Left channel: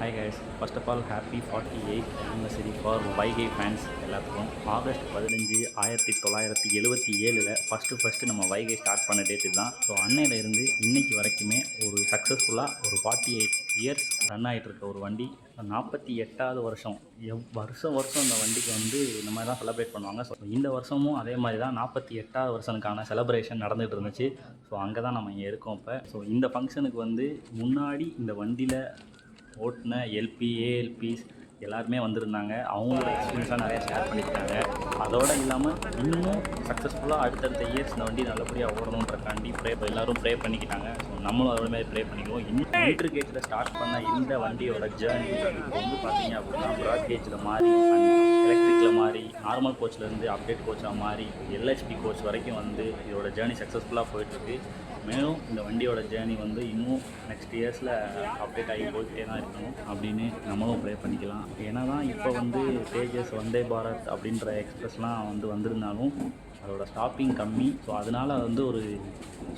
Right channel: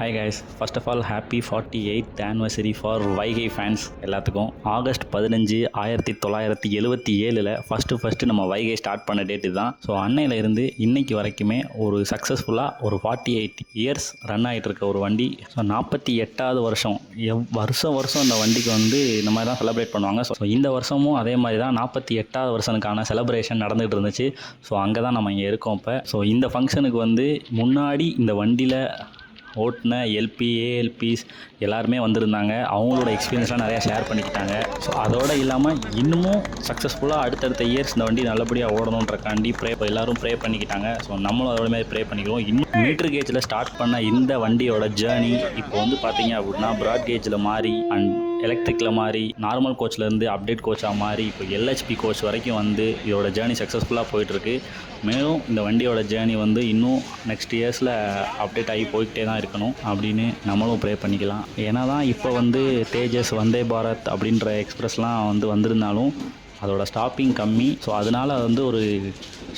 Hi guys, first of all happy 48th anniversary for Vaigai fans எல்லாத்துக்கும். August 15 1977 first நம்ம Vaigai start பண்ண date தான். So அன்னையிலேருந்து இன்னைக்கு வரைக்குமே ஒரு சக்ஸஸ்ஃபுல்லாக ஒரு 48 இயர்ஸ் ரன் ஆகிட்டு இருக்க ஒரு வண்டி. ஸோ 48வது வருஷம் வருஷம் இந்த வண்டிக்கு வந்து இந்த மாதிரி தான் செலிப்ரேட் பண்ணுவாங்க. ஸோ இந்த வருஷமும் அதே மாதிரி தான் 48வது வருஷனுக்கான செலிப்ரேஷன் நடந்துகிட்டு இருந்துச்சு. ஸோ அங்கே தான் நம்ம இங்கே இருக்கோம் இப்போ. ஸோ இந்த ஃபங்க்ஷனுக்கு வந்து முன்னாடி இந்த வண்டியில் ஓட்டின எல்பி ஏஎல்பிஸ் எல்லாருமே வந்திருந்தாங்க. அவங்களோட எக்ஸ்பீரியன்ஸ்லாம் நிறையா ஷேர் பண்ணிக்கிட்டாங்க. ஸோ அதோடு இல்லாமல் இன்னமும் சக்ஸஸ்ஃபுல்லாக அடுத்தடுத்த இயர்ஸ் இந்த வண்டி நல்லபடியாக ஓடணுன்றக்காண்டி எல்லோரும் ப்ரே பண்ணிக்கிட்டாங்க. ஸோ நம்மளும் அதோட மாதிரி ப்ரே பண்ணிக்கிறோம். இன்னும் மீட்டர் கேஜில் ஸ்டார்ட் பண்ண இந்த வண்டியோட ஜேர்னி இப்போ வந்து பார்த்தீங்க அப்படின்னா ப்ராட் கேஜில் மாறி அண்ட் எலக்ட்ரிக்கில் மாறி நார்மல் கோச்சிலேருந்து அப்டேட் கோச்சாக மாறி இப்போ எல்ஹெச்பி கோச் வரைக்கும் வந்து இதோட ஜேர்னி சக்ஸஸ்ஃபுல்லாக போயிட்டுருக்கு. மேலும் இந்த வண்டியோட ஜேர்னி வந்து இன்னும் நெக்ஸ்ட் இயர்ஸில் அப்டேட் ஆகி போய்கிட்டே தான் இருக்கணும் அப்படின்னு நம்மளும் ப்ரே பண்ணிக்கலாம். ஏன்னா தான் இப்போ வந்து தேஜஸ், வந்தே பாரத் அப்படின்ற எக்ஸ்பிரஸ்லாம் வந்திருந்தாலும் அதோட ஸ்டாப்பிங் கம்மி. ஸோ அதனால் வந்து ஒரு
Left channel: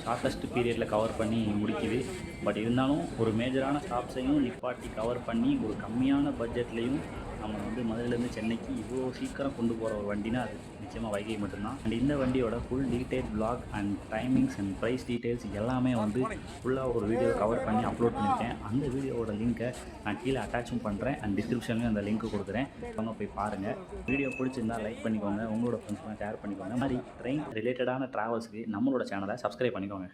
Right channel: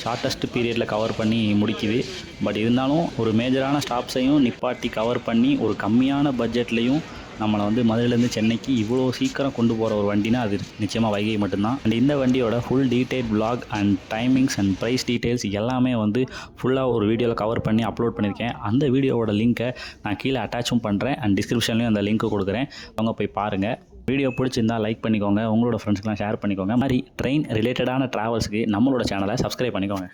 ஷார்ட்டஸ்ட் பீரியடில் கவர் பண்ணி முடிக்குது. பட் இருந்தாலும் ஒரு மேஜரான ஸ்டாப்ஸையும் நிப்பாட்டி கவர் பண்ணி ஒரு கம்மியான பட்ஜெட்லேயும் நம்மளை வந்து மதுரையிலேருந்து சென்னைக்கு இவ்வளோ சீக்கிரம் கொண்டு போகிற ஒரு வண்டினா அது நிச்சயமாக வைகை மட்டும்தான். அண்ட் இந்த வண்டியோட full detail vlog and timings and price details எல்லாமே வந்து ஃபுல்லாக ஒரு வீடியோவில் கவர் பண்ணி அப்லோட் பண்ணியிருக்கேன். அந்த வீடியோவோட லிங்க்கை நான் கீழே அட்டாச்சும் பண்ணுறேன் அண்ட் டிஸ்கிரிப்ஷன்லேயும் அந்த லிங்க்கு கொடுக்குறேன். அவங்க போய் பாருங்கள். வீடியோ பிடிச்சிருந்தால் லைக் பண்ணிக்கோங்க, உங்களோட ஃப்ரெண்ட்ஸ்க்கெலாம் ஷேர் பண்ணிக்கோங்க. மாதிரி ட்ரெயின் ரிலேட்டடான ட்ராவல்ஸுக்கு நம்மளோட சேனலை சப்ஸ்கிரைப் பண்ணிக்கோங்க.